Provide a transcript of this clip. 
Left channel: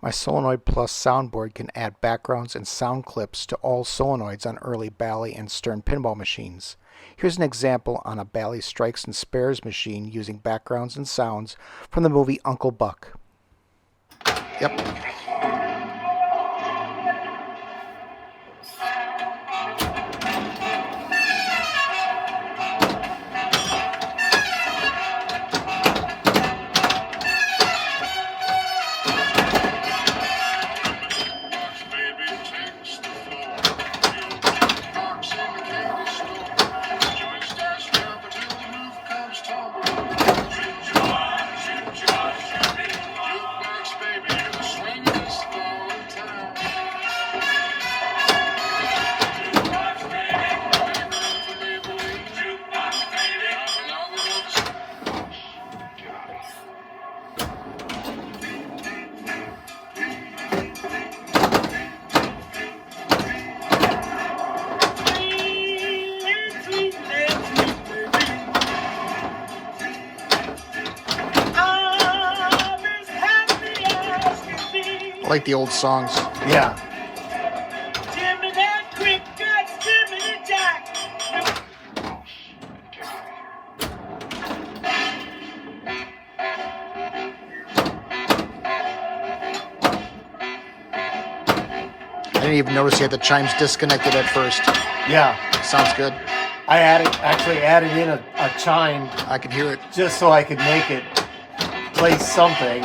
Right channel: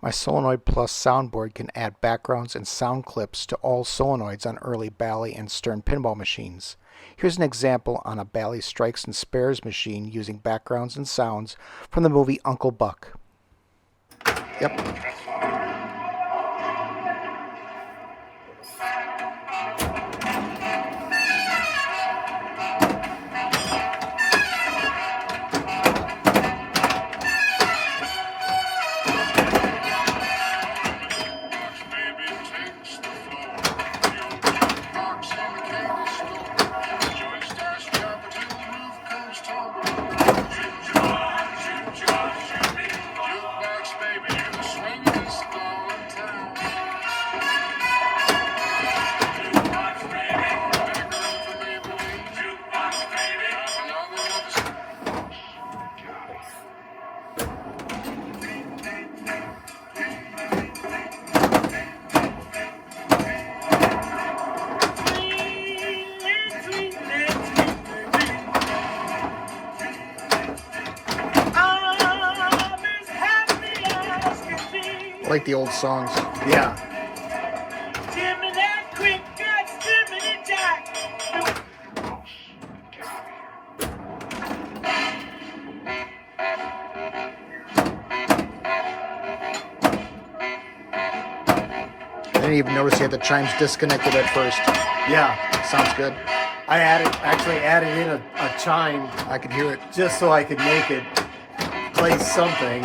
My Solenoid Plus Sound Board can add backgrounds and sound clips to all solenoids on early Bally and Stern pinball machines. Here's an example on a Bally Strikes and Spares machine using backgrounds and sounds from the movie Uncle Buck. Yep. I like the old songs. Yeah. I didn't even notice you had the chimes disconnected at first. Yeah. Sounds good. I actually added in a chime I could hear it. just so I could make it play something.